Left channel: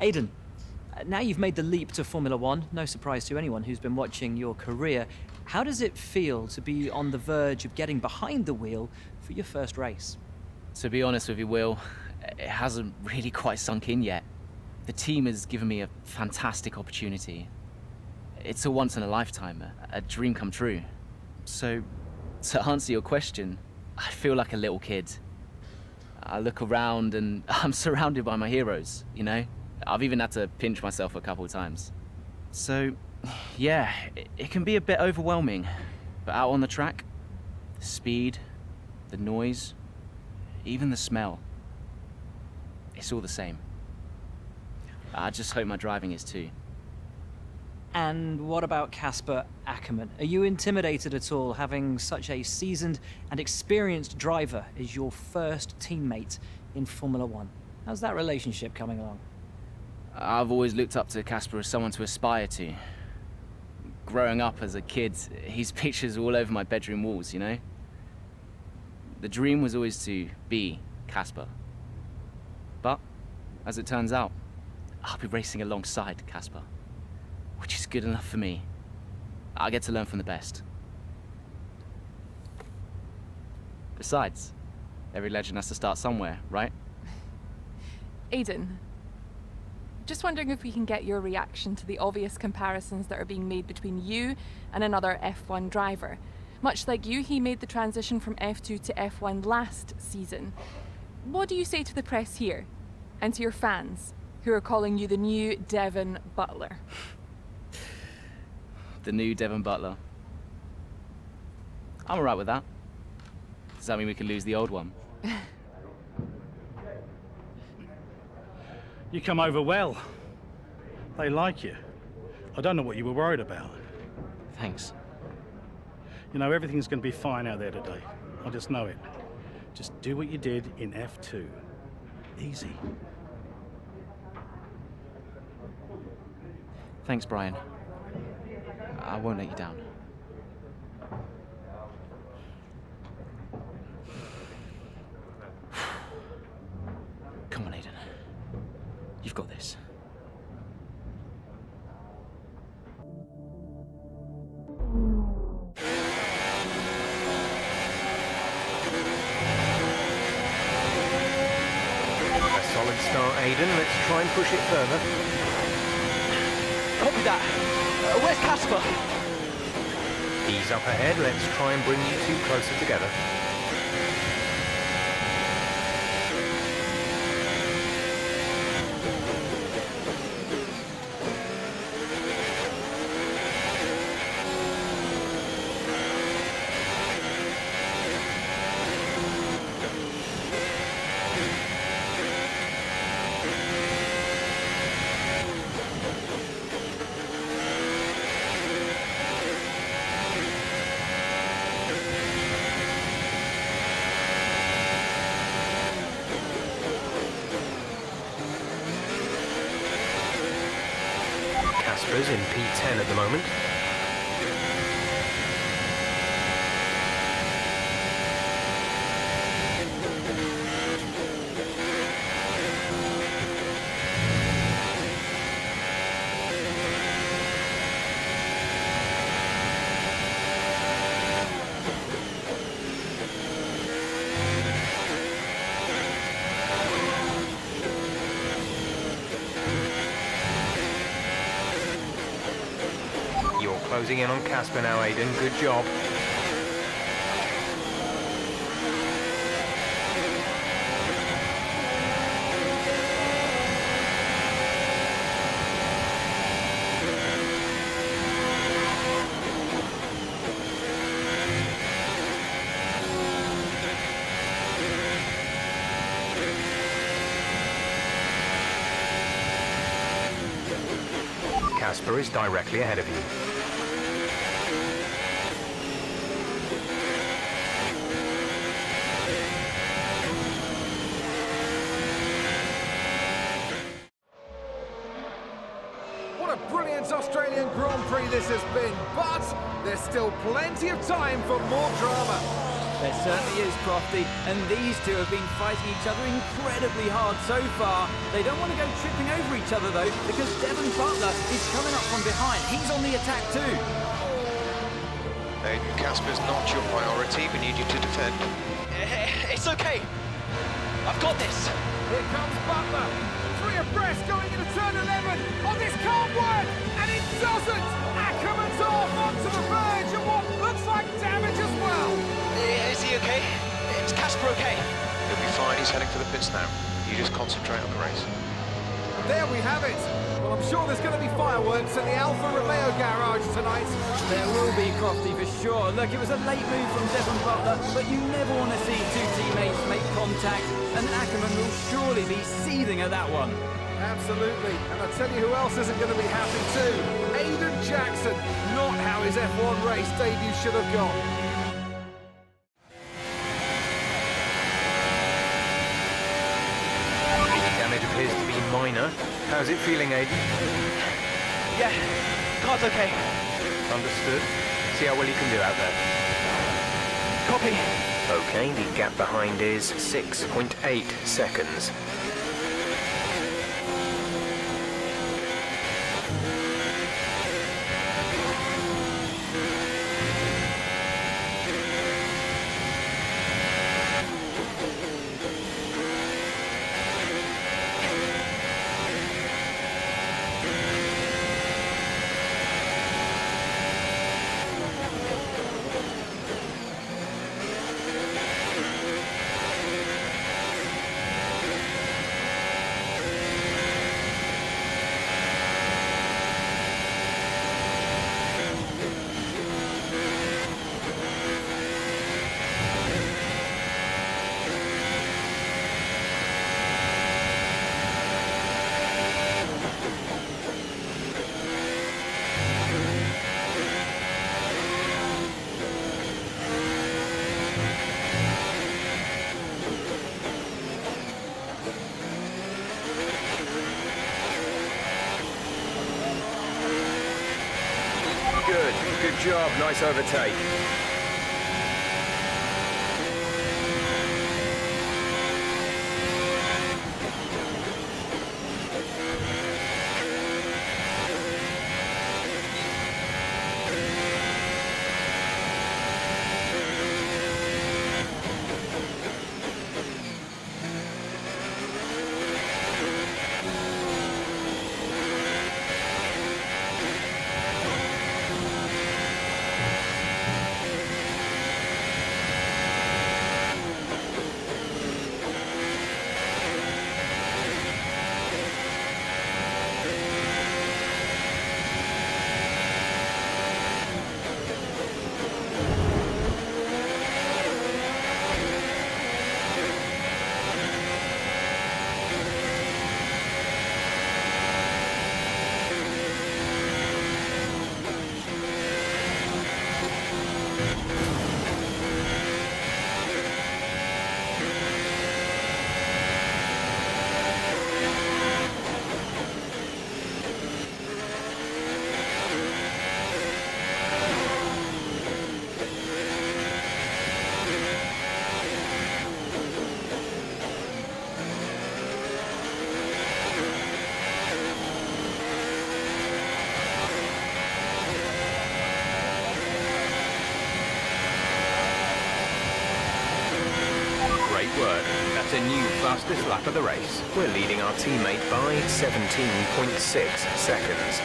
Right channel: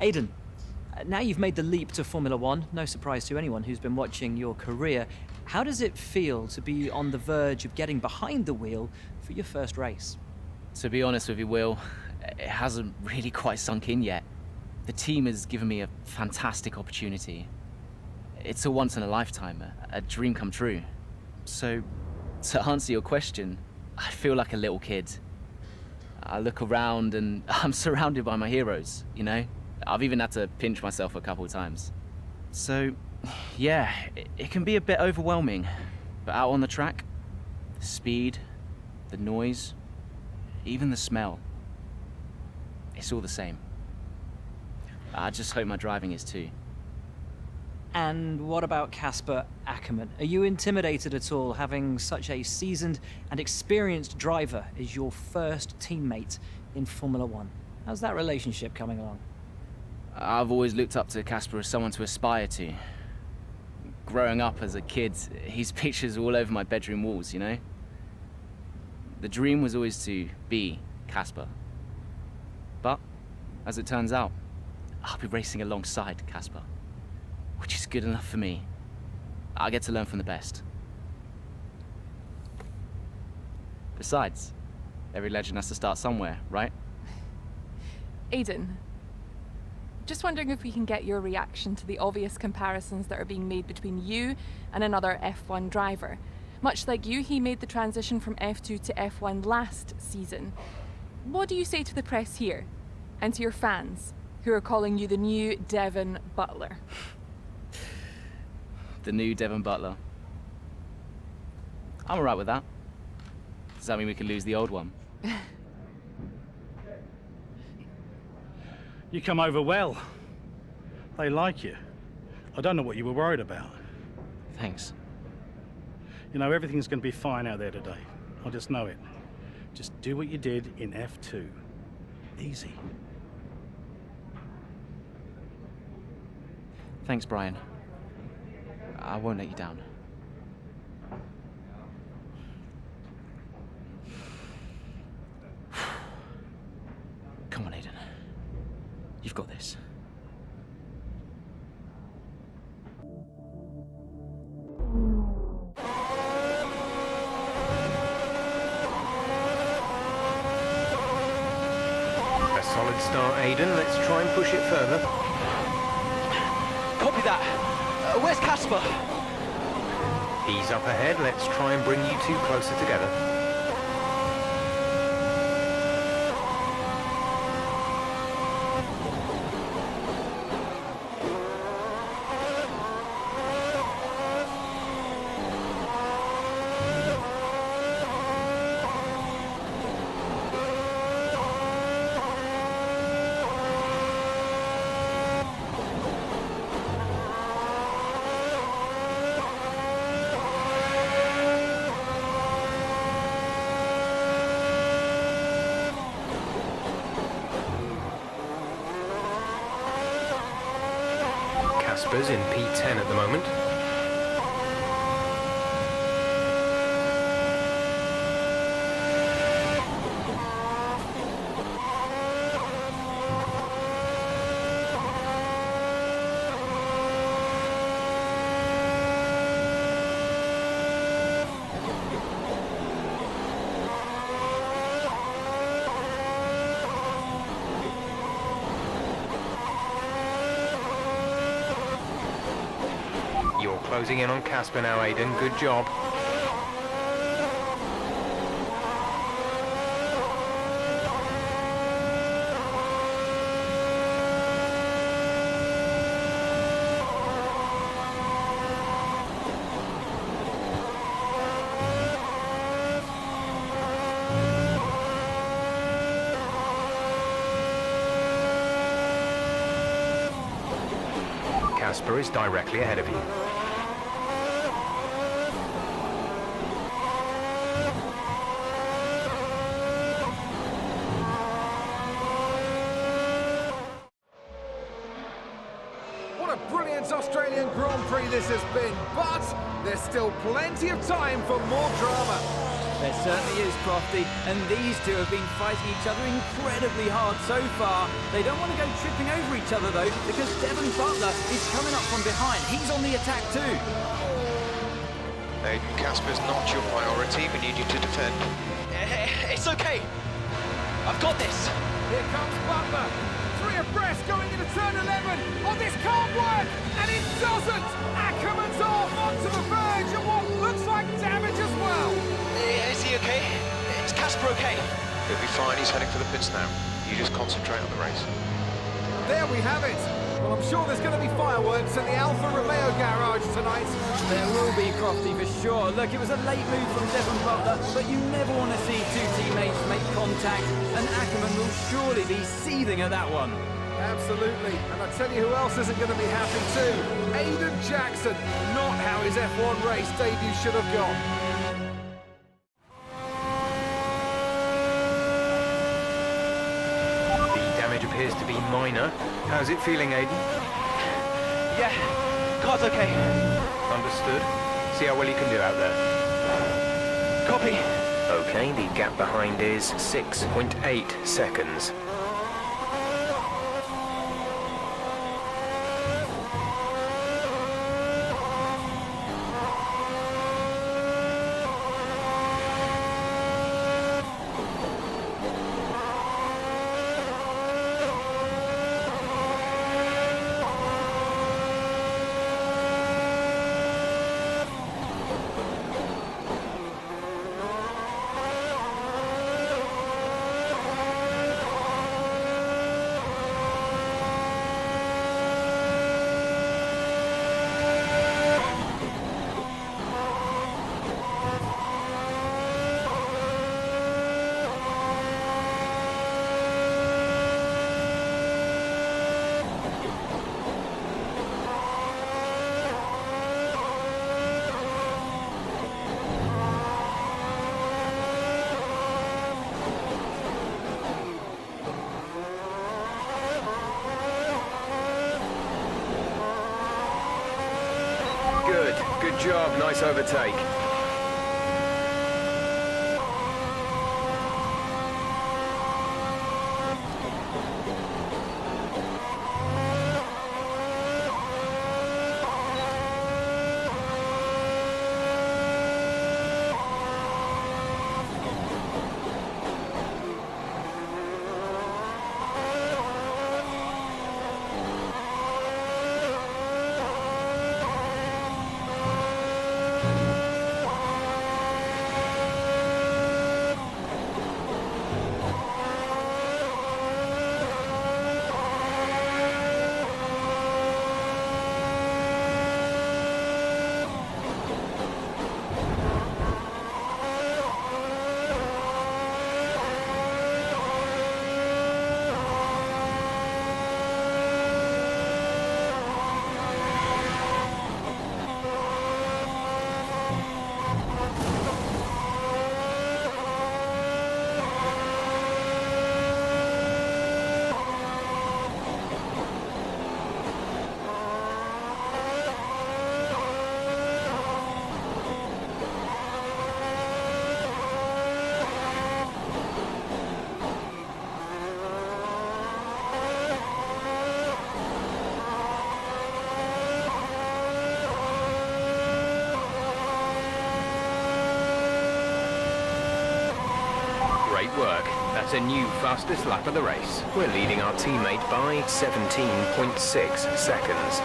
Aiden, now you've made the leap to Formula One, no surprise to anyone who's been watching your career. How does it feel to be on the verge of getting behind the wheel for your first race? To be honest with you, Will, it hasn't really quite sunk in yet. The team has given me a fantastic opportunity. It's a once-in-a-lifetime, a dream come true. So, to answer your question, I feel like a little kid. I look around and I'm surrounded by my heroes, you know? I've even had to pinch myself a couple of times. So, yeah, it can be a bit overwhelming. But out on the track, the speed, the noise, even the smell, it's all the same. I just hope my driving is too. And what about Casper Ackerman? Are you intimidated at all having such a seasoned and experienced driver as your first teammate in Formula One? How's that relationship coming along? I've always looked up to Casper as someone to aspire to. Growing up as a kid, his pictures all over my bedroom walls, you know? The dream was always to be Casper. But, as it turns out, I'll be racing alongside Casper, which is good enough for me. I get to learn from the best. Besides, every legend has to start somewhere, right? Aiden, just wondering if we can get your reaction to the obvious comparisons that are being made between you and another F1 driver. Much like you, he made the transition from F2 to F1 last season. What do you say to the press here, and to your fans, who are calling you the new Devon Butler? The new Devon Butler. I'm alright with that. Does that mean we can lose the old one? You come over well. They like you. I don't know what you were worried about. Thanks. You know, everything's going to be fine out there today. I just know it. Just do what you did in F2. Easy. Thanks, Brian. I won't let you down. Come on, Aiden. You've got this. A solid start, Aiden. Let's try and push it further. Copy that. Where's Casper? He's up ahead. Let's try and bring you two closer together. Casper's in P10 at the moment. You're closing in on Casper now, Aiden. Good job. Casper is directly ahead of you. What a brilliant Australian Grand Prix this has been, but there's still plenty of time for more drama. There certainly is, Crofty, and these two have been fighting each other incredibly hard so far. They don't want to go tripping over each other, though, because Devon Butler is coming up from behind. He's on the attack, too. Aiden, Casper's not your priority. We need you to defend. It's okay. I've got this. Here comes Butler. 3 abreast going into turn 11. Oh, this can't work! And it doesn't! Ackerman's off onto the verge of what looks like damage as well. Is he okay? Is Casper okay? He'll be fine. He's heading for the pits now. You just concentrate on the race. There we have it. Well, I'm sure there's going to be fireworks at the Alfa Romeo garage tonight. There will be, Crofty, for sure. Look, it was a late move from Devon Butler, but you never want to see two teammates make contact, and Ackerman will surely be seething at that one. Absolutely. And I tell you who else isn't going to be happy too. Aiden Jackson. Not how his F1 race debut should have gone. The damage appears to be minor. How's it feeling, Aiden? Yeah, car's okay. Understood. See how well you can do out there. Copy. Okay, the gap behind is 6.8 seconds. Good job, nice overtake. Great work. That's a new fastest lap of the race. We're leading our teammate by 17.6 seconds.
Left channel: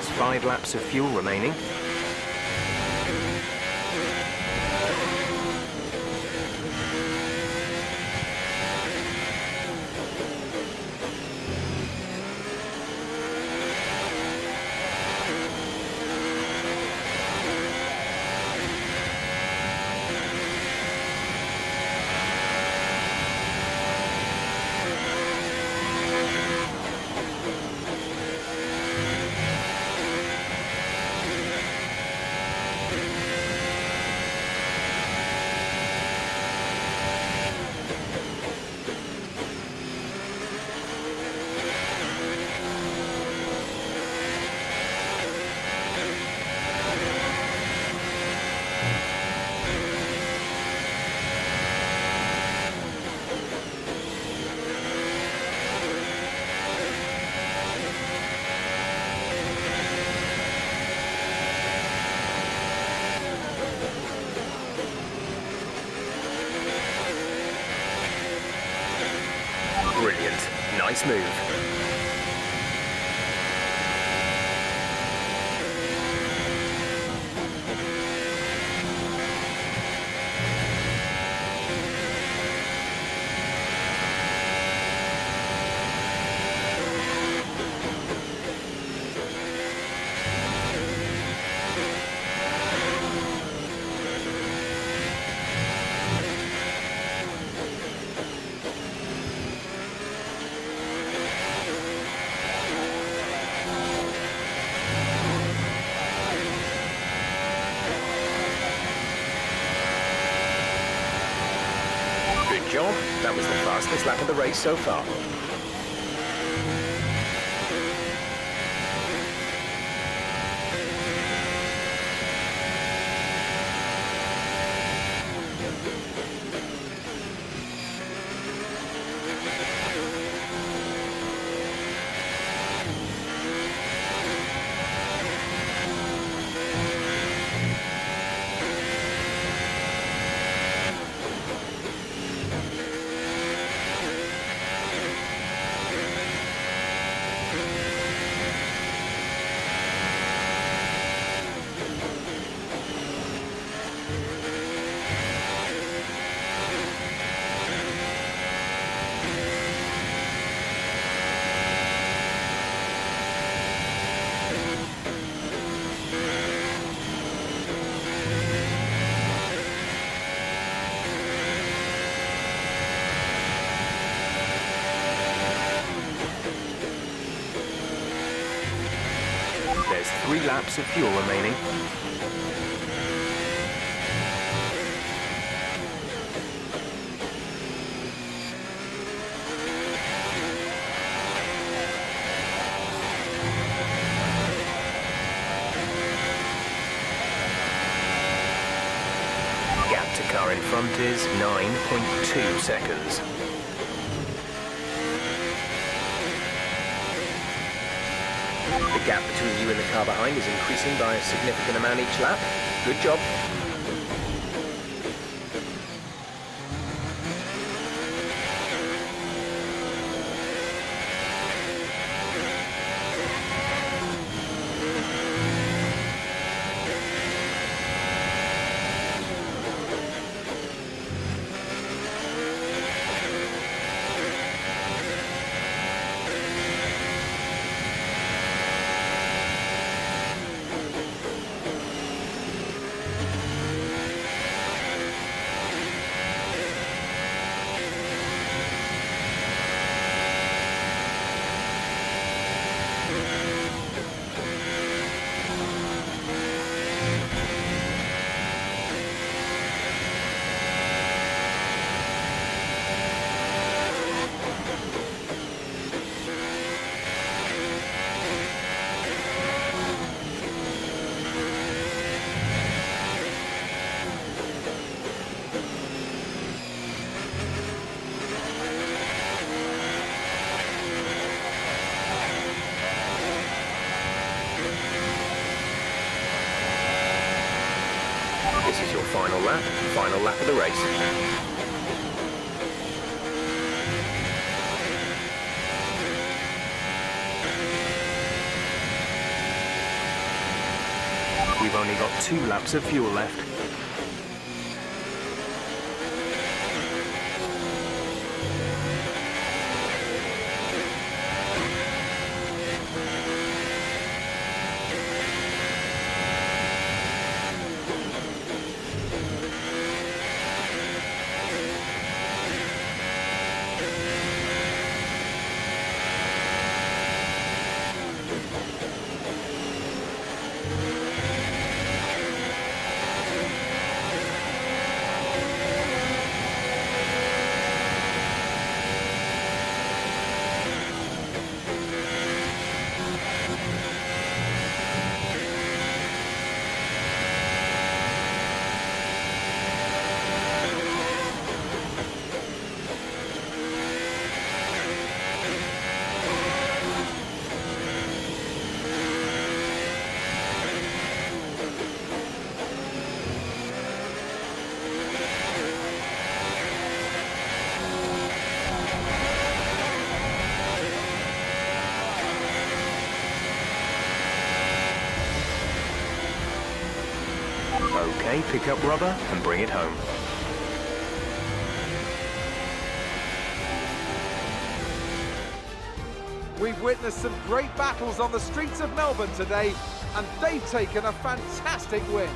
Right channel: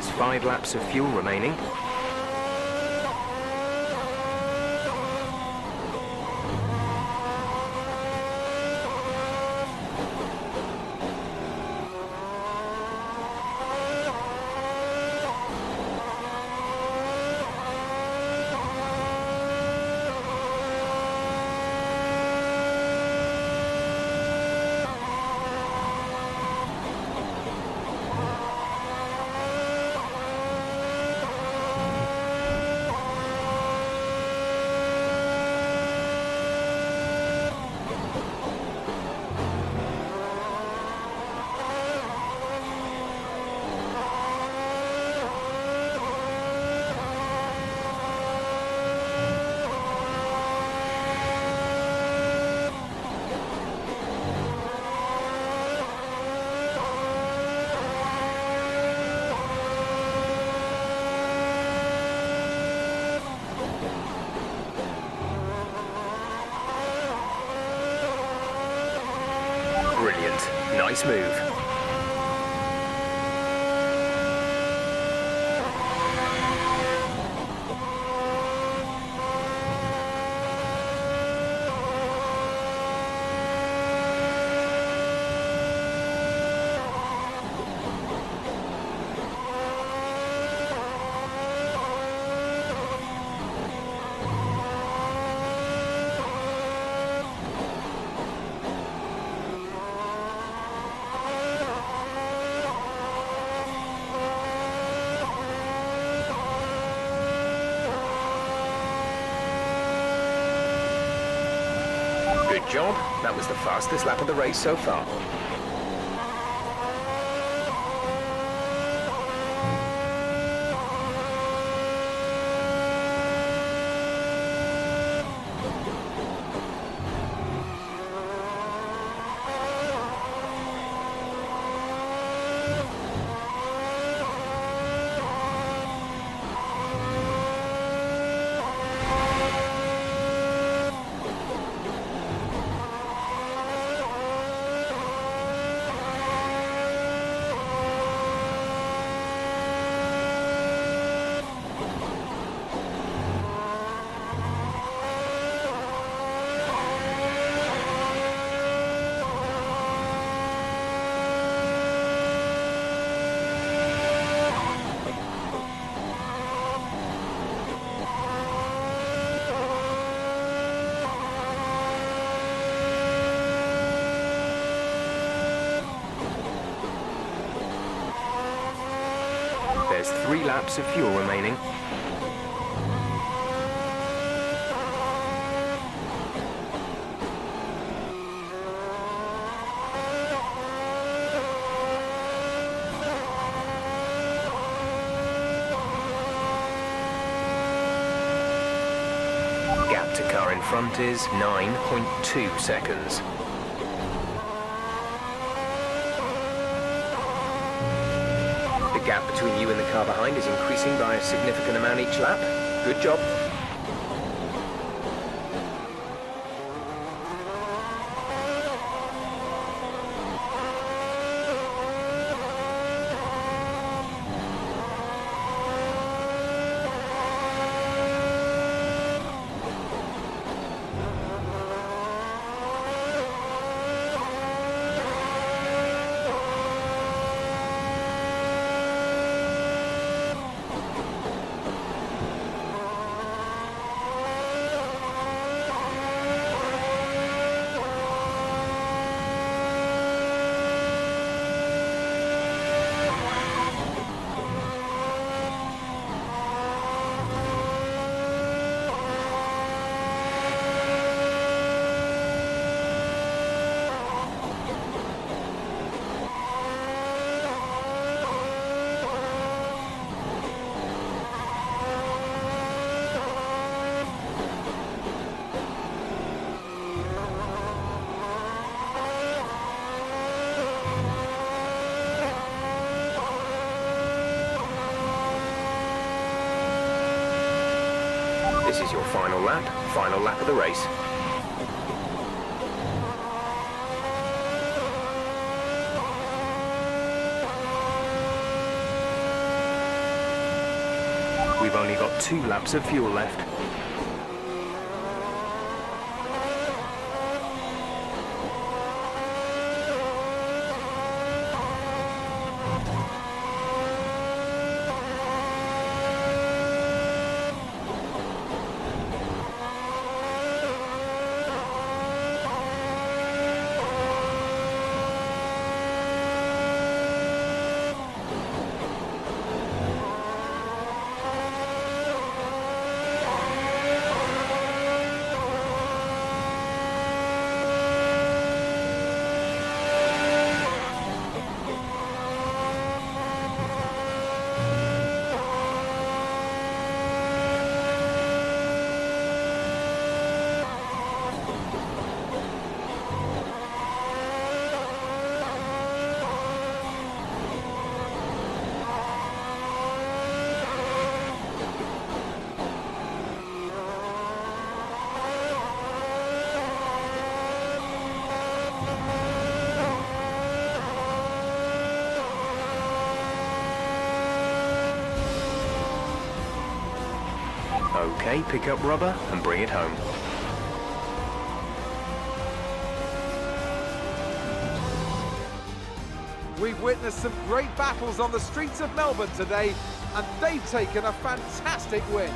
There's 5 laps of fuel remaining. Brilliant. Nice move. Good job. That was the fastest lap of the race so far. There's 3 laps of fuel remaining. Gap to car in front is 9.2 seconds. The gap between you and the car behind is increasing by a significant amount each lap. Good job. This is your final lap of the race. We've only got 2 laps of fuel left. Okay, pick up rubber and bring it home. We've witnessed some great battles on the streets of Melbourne today, and they've taken a fantastic win.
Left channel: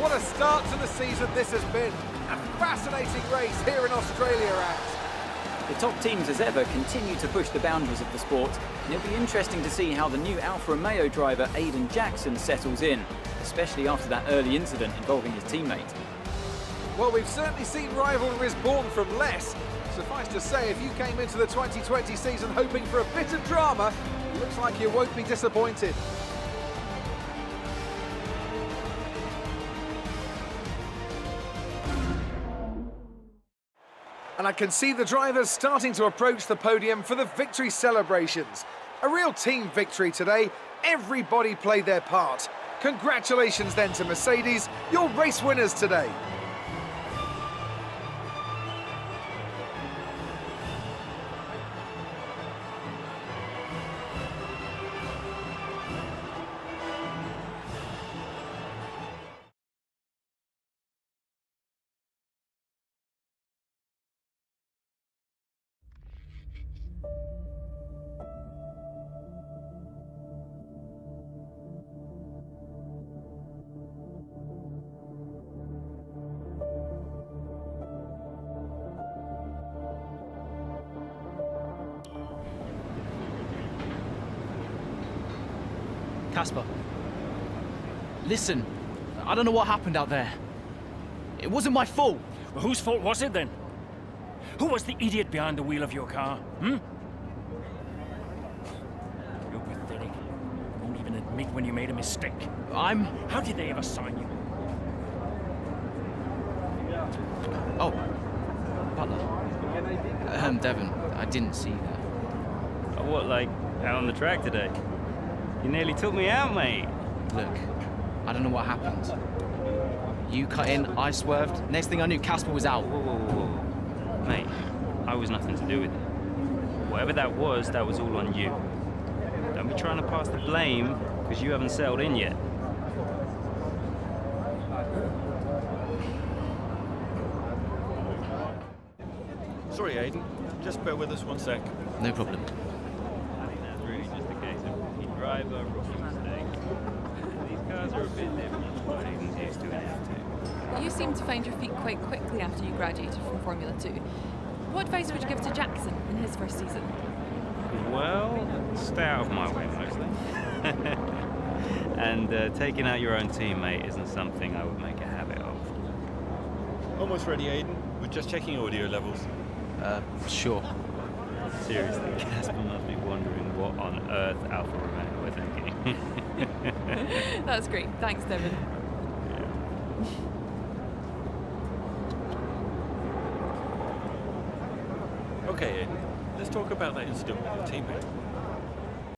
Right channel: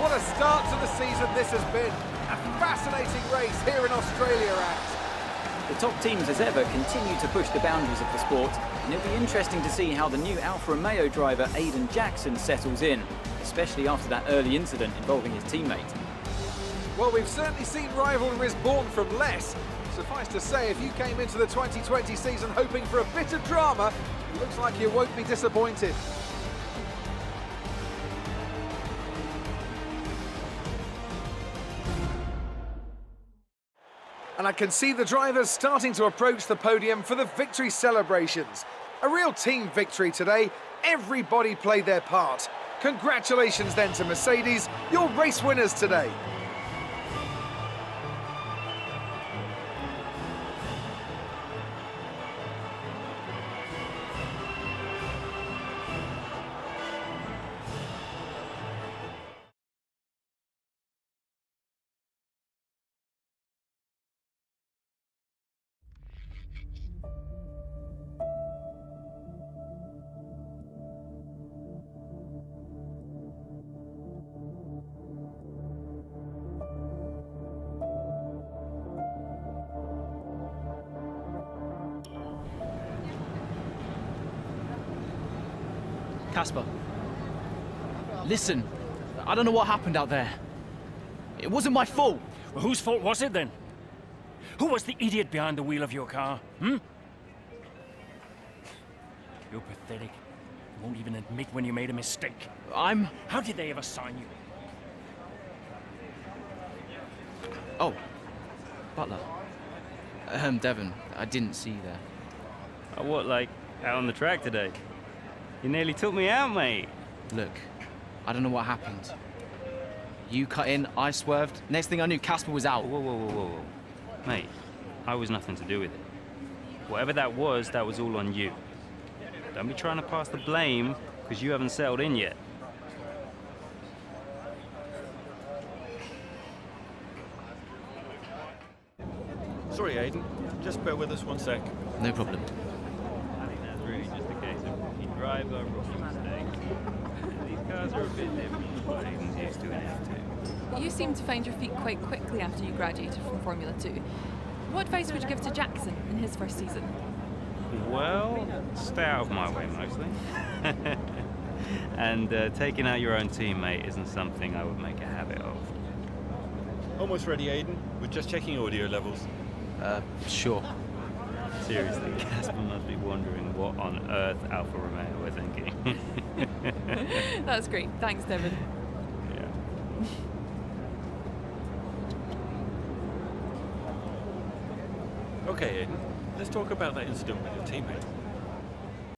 What a start to the season this has been. A fascinating race here in Australia at. The top teams as ever continue to push the boundaries of the sport, and it'll be interesting to see how the new Alfa Romeo driver Aiden Jackson settles in, especially after that early incident involving his teammate. Well, we've certainly seen rivalries born from less. Suffice to say, if you came into the 2020 season hoping for a bit of drama, it looks like you won't be disappointed. And I can see the drivers starting to approach the podium for the victory celebrations. A real team victory today. Everybody played their part. Congratulations then to Mercedes, your race winners today. Casper, listen, I don't know what happened out there. It wasn't my fault. Well, whose fault was it then? Who was the idiot behind the wheel of your car, You're pathetic. You won't even admit when you made a mistake. How did they ever sign you? Oh, Butler. Devon, I didn't see that. What, like, out on the track today? You nearly took me out, mate. Look, I don't know what happened. You cut in, I swerved. Next thing I knew, Casper was out. Whoa. Mate, I was nothing to do with it. Whatever that was all on you. Don't be trying to pass the blame, because you haven't settled in yet. Sorry, Aiden. Just bear with us one sec. No problem. I think that's really just a case of rookie driver, rookie mistakes. These cars are a bit different from what Aiden's used to in F2. You seem to find your feet quite quickly after you graduated from Formula 2. What advice would you give to Jackson in his first season? Well, stay out of my way mostly. And taking out your own teammate isn't something I would make a habit of. Almost ready, Aiden. We're just checking audio levels. Sure. Seriously, Casper must be wondering what on earth Alfa Romeo were thinking. That's great. Thanks, Devon. Yeah. Okay, Aiden. Let's talk about that incident with your teammate.